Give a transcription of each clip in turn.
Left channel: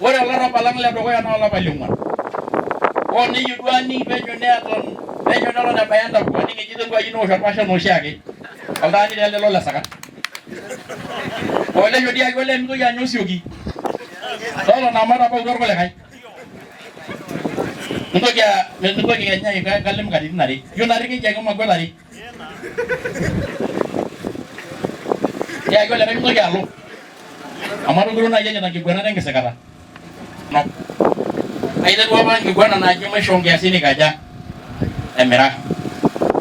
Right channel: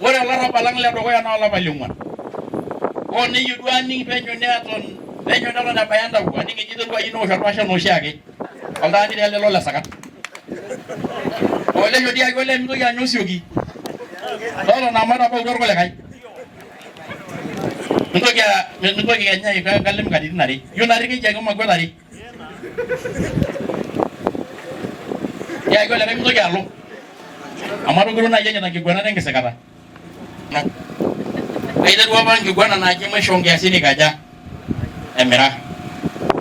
ore olarrabal le dukuya naa olapa liong'uan niyieu duo aning penyo neton ebaya entawuo aning ejito aji newosh orpashen oshiake oltaani taa lelo le sakat olesho dii ake ole mitoki anya osioki totona amu etabautua irkulikae mitoki kenya kalim katitin are iyieu narri keji ake magwet are tiaki olikae mitoki alo amu atogiro naaji enyita nkiguanata enkisikata no aiterua apa nkiguana naaji maisho nkiasin ikaja emira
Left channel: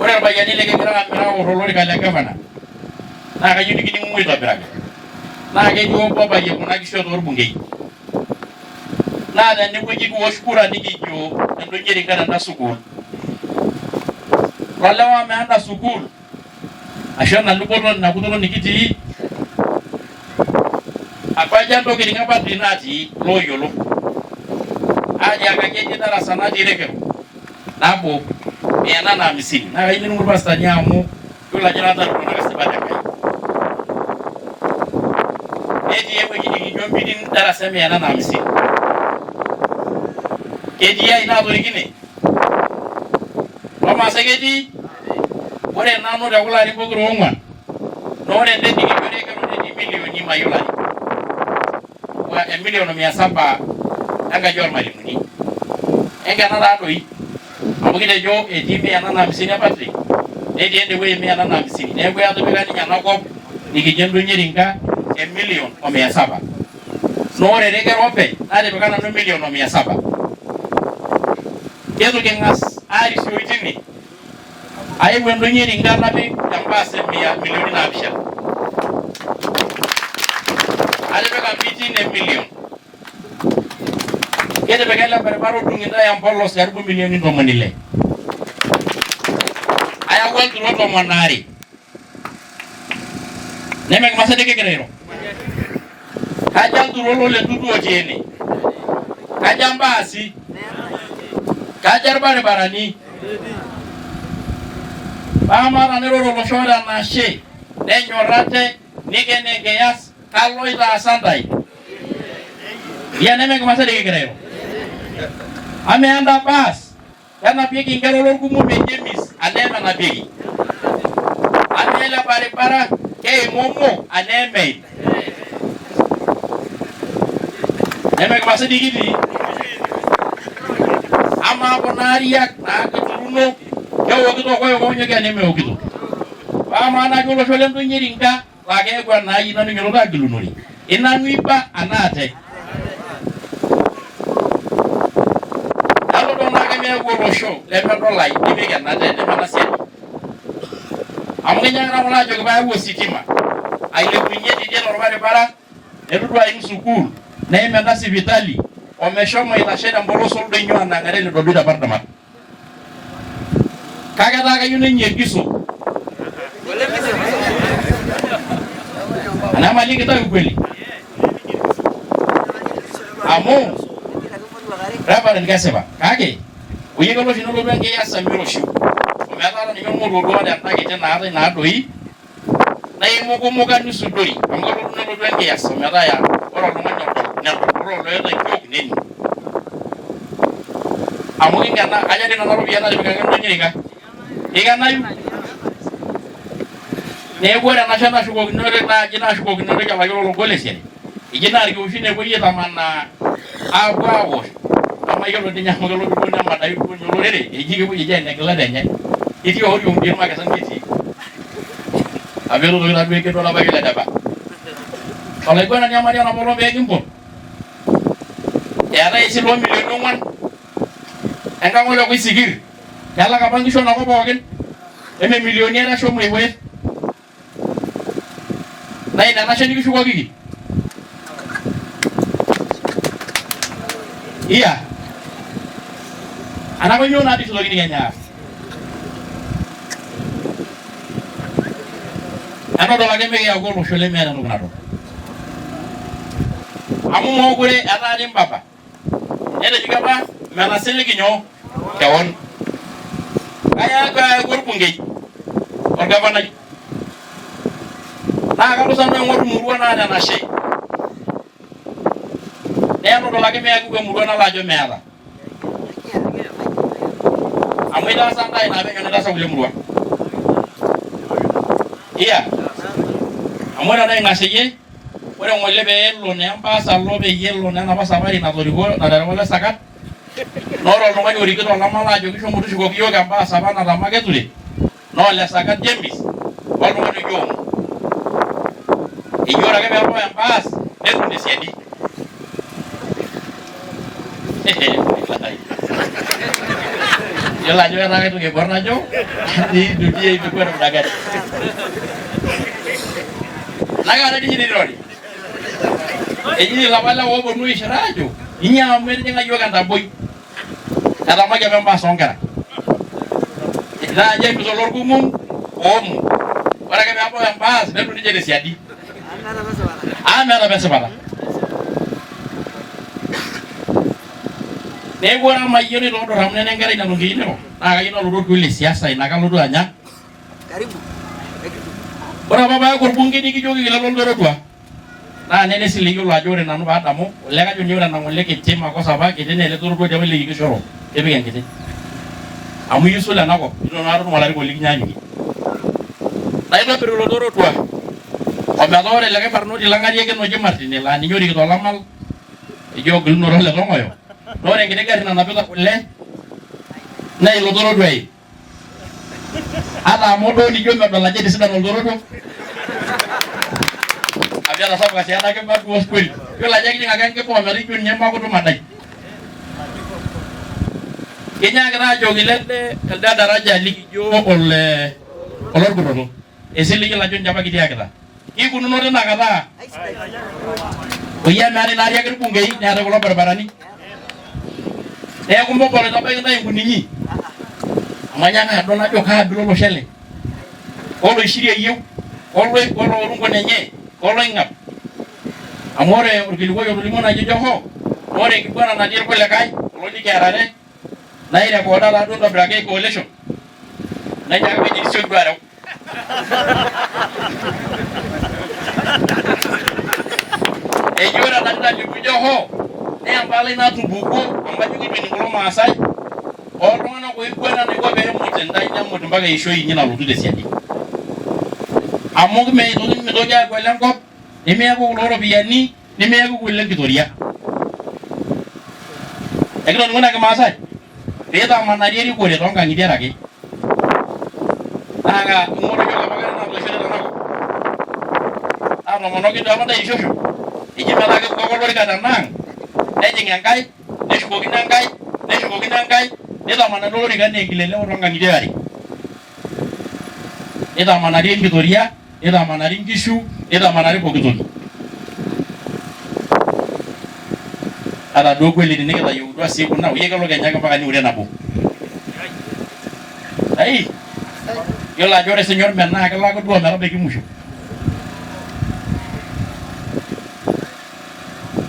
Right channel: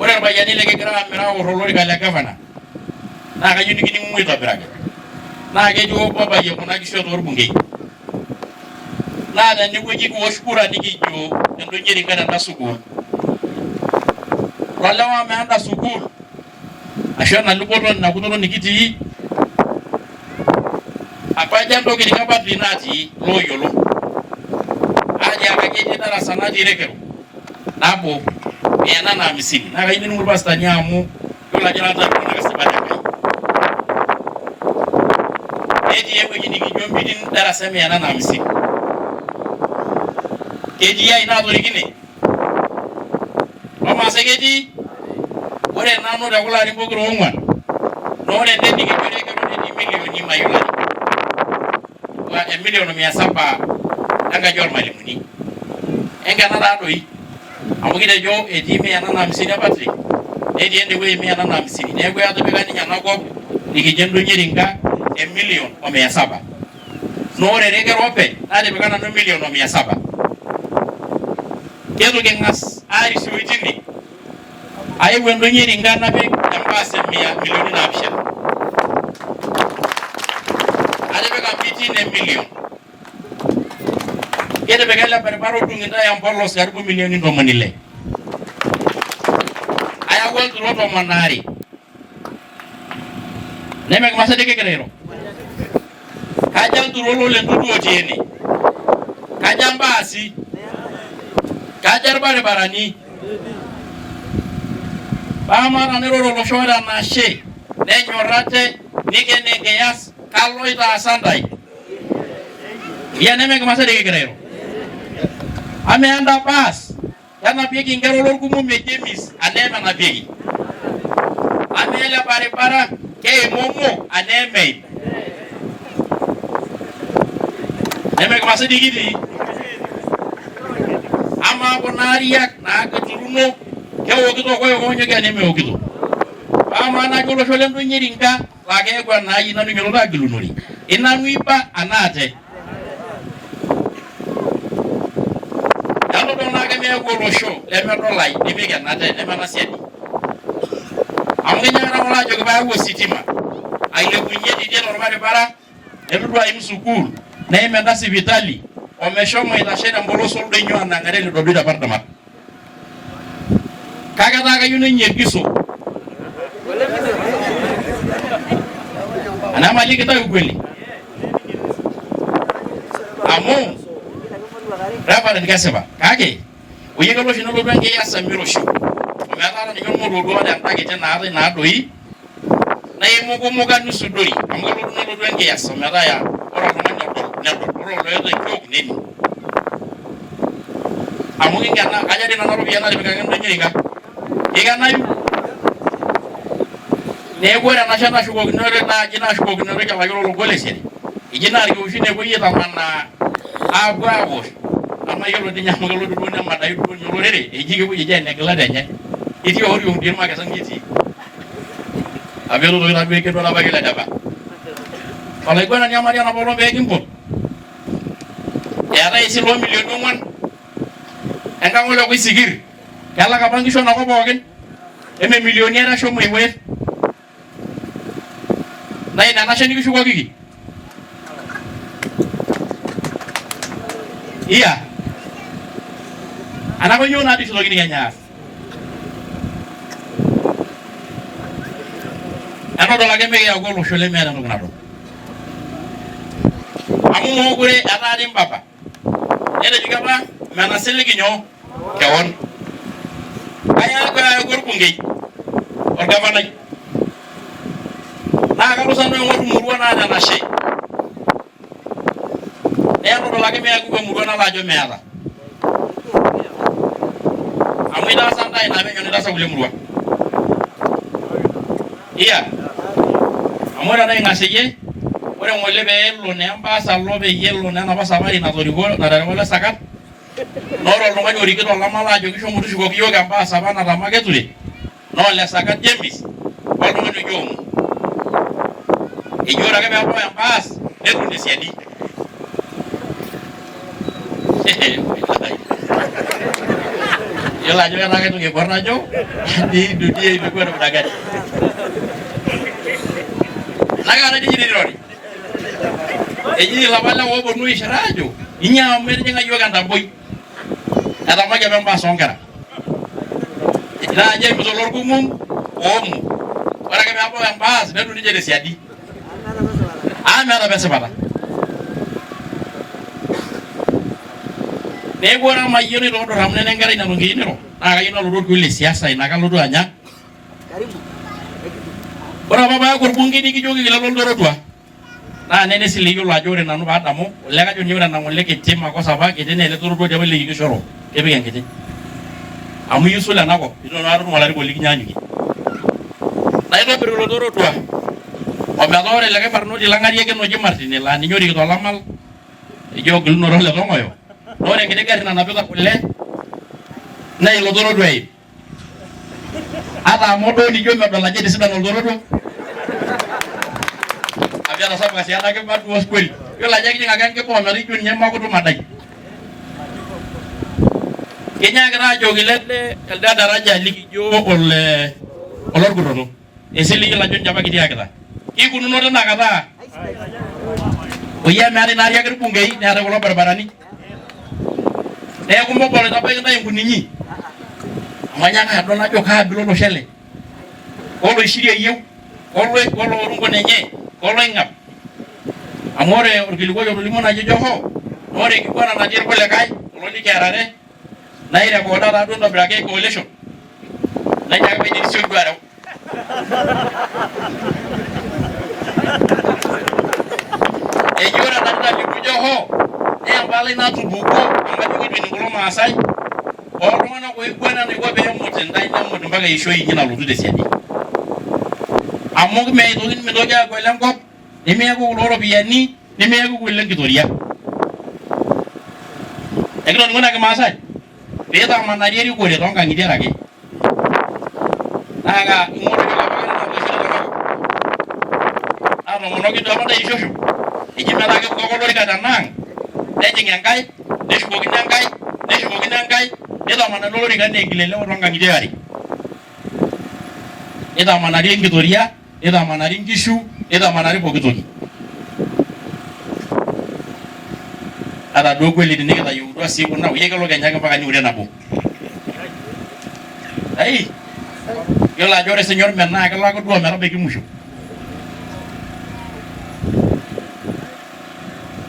ore irpayiani likigira amira aorr olorika le gavana naa kayieu nikining'u aitobiraki naa ketii obo abayie kuna kishu torbungei naa tenewueji kiwosh kura nikijo endonyeri tenda sukuul tolewa meenda sukuul ashu enaluboto ina kutoto nikitii apaja ntokitin apa dii natii looyiolo atiakaki etii darasa natii Rekero nabo 150 naa kayieu nining'u irpasitani amu yiolo ajo naata kasipati Enkai netii ewueji nikijo meeting darasa 150 ketii ai naatorikine Maasai ketii ore nanu tekulo arin pokira ong'uan naa ore ende nikijo Rekero netii milioni mayiolo ajo 1,700,000 enkaji ormalimuni enkena taadoi amu kitejo etii 150 Patrick netii ende wueji 150 neeku etipika ninye enakop nikijo endonyeringa 1,700,000 naa ore Rekero openy natipika nanu 1,700,000 ketu king'as aarisio tine aewuo endonyeringa napik embaas milioni 7 atipika mbitin 1,000,000 ketipika ele barabara odung'itae empolos karibu milioni 60 ayawua ilturot 200 nemekimasa dii kigira airo kaja ilturot lolentutu otii ene kaja mbaasi kaja irbaribarani paamara niroro olosho ore enashe nenyorrate nikene enkias kaloitaasa ntae iya nemekimasa dii kigira airo amaa enda baas kenapieki nkera olorkumo mejemis aneem enapieki amaa ele baribara keimomo aneemeim nemekimasa dii kitii amaa kuna ariak naakituruno kewokito koyokonyoki anemeokito paamaa naake olosho lendonyeringa laa keeku enaaji nanu inyiototo agilunore inanu iba anaate nalo naake meeku olosho lemedolai nipik enate nemenasiani amu kinyiakita kulo ajoki paayau ositima ailepunye tidie torbaribara netudu aim sukuul neim enda sipitali omeshomo aitashe tempolos oldonyo anang'are lidodoi tepardamat kake etaa kayieu nenyegiso anamali kitayu kweli amu Reverend Kesipa kake oyieu olosho nelotu enkias emiroshi ometaa ninye ormoruo tenda kiti naatae naadoi naimukumuka nisudori amu nelotu enkias ometaa ya ore oltung'ani nedol ore oloota enkiok neni amu kingena kaja dii nena ropiyiani natipikaki endonyerika kikenayu neeku ore enashe nashukokinore naaji nashukokinore olayiolo ologol esiai eji naa irkiushin nepuoi aitamanaa aapuo aawosh amu yiolo dii ninye amu kelotu duo nemadai duo ninye olorere eji kepuoi eji enegila enye etii oriong dii irmakesan ketii apa elotoki taduo ekedu olapa kiledepa olaiguanani amari enapoolong peekimpot eetae esile milioni 4 enkang ole koisikir kelak apa nkishu enakop pookin eme milioni are ashomo iwet naa ina enashe nikishukokiki iya anapa inyoo natii sitokini Kenya aas enodol ake mikiyaku olosho lemeeta entoki nadol amu mookure etaa dii mbaba netejoki apa menasili nyoo kewon ayaaku orbungei orgavanai naa kalotu sanu aing'oru murua naata enashe nedol ake meeku emurua nalo ajo meeta amu itaasa ntae naa penyo nitaasa kulie murua iya amu ore naing'aseyie ore ng'ole peelo naa embaasa alo peyie elo naa enapa safari natoriko naterewua ele sakat noore oltung'ani orikito olamala ajo kishomo tushukoki yiok embaasa apa natama keture naa ole sakat James oltung'ani oji Omo eji ore ake peebau embaas netum tesiadi yiolo ajo ketaa kaitoki aiborr najo dudia ipikuwa namna naga diji nirori eji lapa lewa ooponu aishira ajo inyoo metijing'a yiok entaboi etamaki apa embaas oonkera naa James olorkumum Omo ore ake peebau embaas netum ninche tesiadi meeta apa esipata neeku ore amayiolo itodor amu nena enkerai nanu nkiiniro naa kayieu nalotu orkiu le siasa ina kalotu anya ore apa paeku orbungei nikijoki lelo Oltorotua naa nene sile yiolo ajo ore nanu paadamu ole kajo ninye ore ena ng'ole kiti makosa apa kiti naa ele Torotua apa likishoro kepik enkiti amu isul enakop ino naa tutum olarikoni likinyaanyukie naitobir ilo Torotua ometaa ore likae barnoti lang'ari ake oji Martin laa ninye orikito olamal ejo ogilunore ole Tong'oyo naa ore enkiti gari nanapita kule naa ilo Torotua eim ata amu duo nijo medol ajo etisidana Oltorotua amu etasapuka sii ena kima duo kweli yiolo ajo ekijing' ake enkima ometaa ijo ninye makutum adai kinyaakita ajoki elde daraja likijo olorkutoto esile yiolo ajo ninche apa kitiakita kikununo tinakata oyie meetai naari ake irbungei neetai kulo baribarani neeku mobolo itabaiki ntae nkuninyi amu anyaaka adol najo kaabila olosho ele oloishirie eyieu oloorungon enye oloing'ap amu ore orkilikuai otolimuo naji Joho ore enkiguana natii irkulikae kulo likiarare nairekoda taaduo intobiraki coalition najo ake peji nisioki duo areu eji ore enatalimu Joho naa empalai natupukuo amu kajo keitu kulo maasai oltung'anak oiguana naiko peemut intae nemut mpaka eishoi inyi nalotu tesiadi amu mitoki aaku ele enkop nemeeku kulo ropiyiani nemeeku kulo enkitoria ekitoning'o ina kimaasai piitamanari erikore toonkang'itie ake naa ing'oru yiok apa kata natoishote tenakop naatomonoki duo apa ntae ishosho eji metaa kepuku ake olorika tenaang' nejing' enkae neshukokino enkae neshukokino enkae nitamanari olorika enaa enkilelero toonkang'itie are nitamanari enkitoria nitamanari nkishu nitamanari pooki toki ata duo kweli tenikitayieutua sii kuna oyie kelo Kenya ake mpaka niure nabo ai yiolo ajo ore sinye ormenaa kelo ake duo ometabaiki musho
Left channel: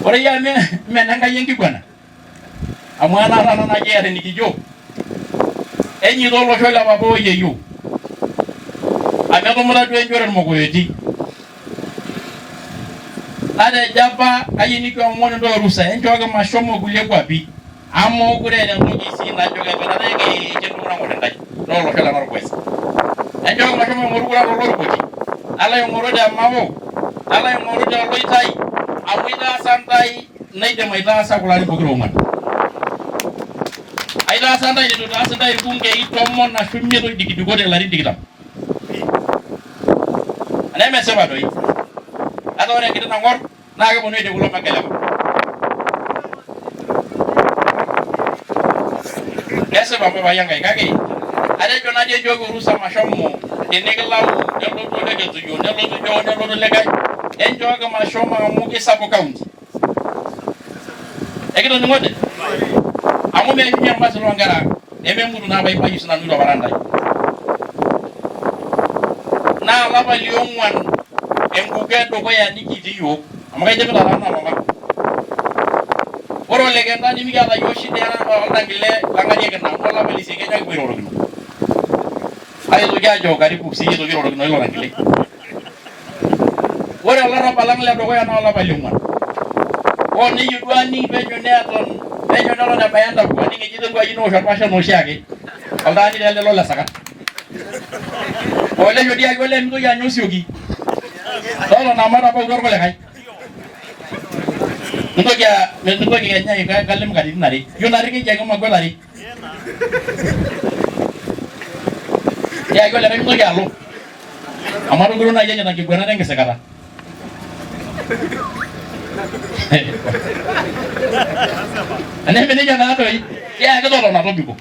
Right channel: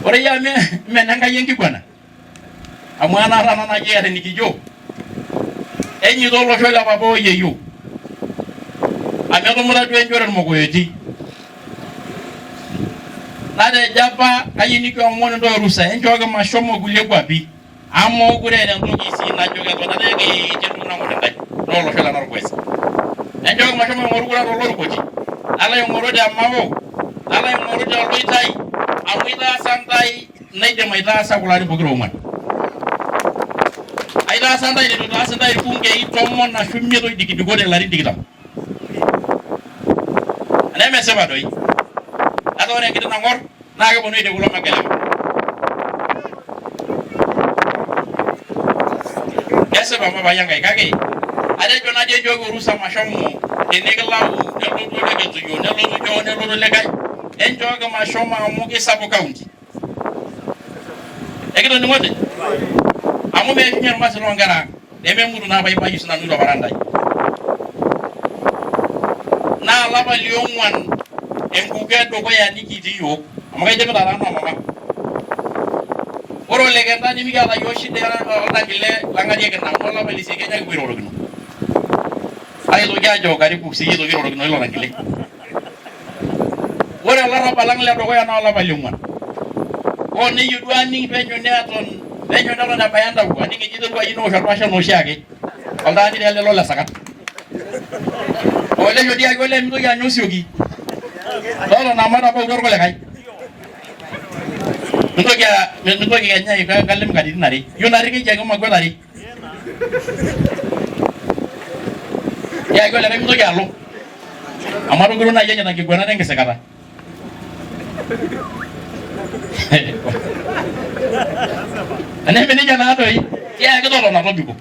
ore yie mene Enkai enkiguana amu anaata ena naji eeta enikijo enyito olosho le papa oyieyio amu etumuta duo enjore irmokoyoti natejo apa kayieu nikiomon entoki orusa enchooki mashomo kulie kwapi amu mokure eeta entoki sii najo ketonata eketii entoki nang'or Enkai toolosho le Narok West enchooki mashomo aing'oru kura tolorikuti nalo aing'oru te Mao nalo aing'oru te Loitai amu itaasa ntae naidim aitaasa kulo arin pokira ong'uan aitaasa ntae nitu itaas ntae irbungei 10 ashu 5 oidikidikote ilarin 20 nemesipa doi ata ore enkiti nang'or naa keponu aidie kulo megelema kesipa papai Enkai kake atejo najo enchooki orusa mashomo tenikilau nelotu Oleketuyo nelotu Joho nelotu likae enchooki mashomo amu kisapuk kaunti ekitoning'ote amu meishunye irmasin loonkera ang' nememutu naa paibayu sinanu ilo parantai naa olapa liong'uan enkuku edukuya nikitii yiok amu kaidipita taa mama ore olekenta nimikiata yiok shida oltangile lang'arieki ina amu olapa lesieki Kenya kipuo airorokino aitoki ajo karibu sii aitoki airorokino ilo tangile ore olarrabal lang' ledukuya naa olapa liong'uan Oni yudwani penyo neaton penyo dalo na bayanda kwa ninge jido kwa jino sharpasha noshiage aldani dele lola sakat ole jodi agole mgo ya nyosiogi dalo na mara ba gorgole kai nto kya nyai ka kalem kadin nari yonari ke jago magolari ya gole rem no yalo amaro guru na yenya na kigwana renge sekara ane meni jana doi ya ke dolo na robigo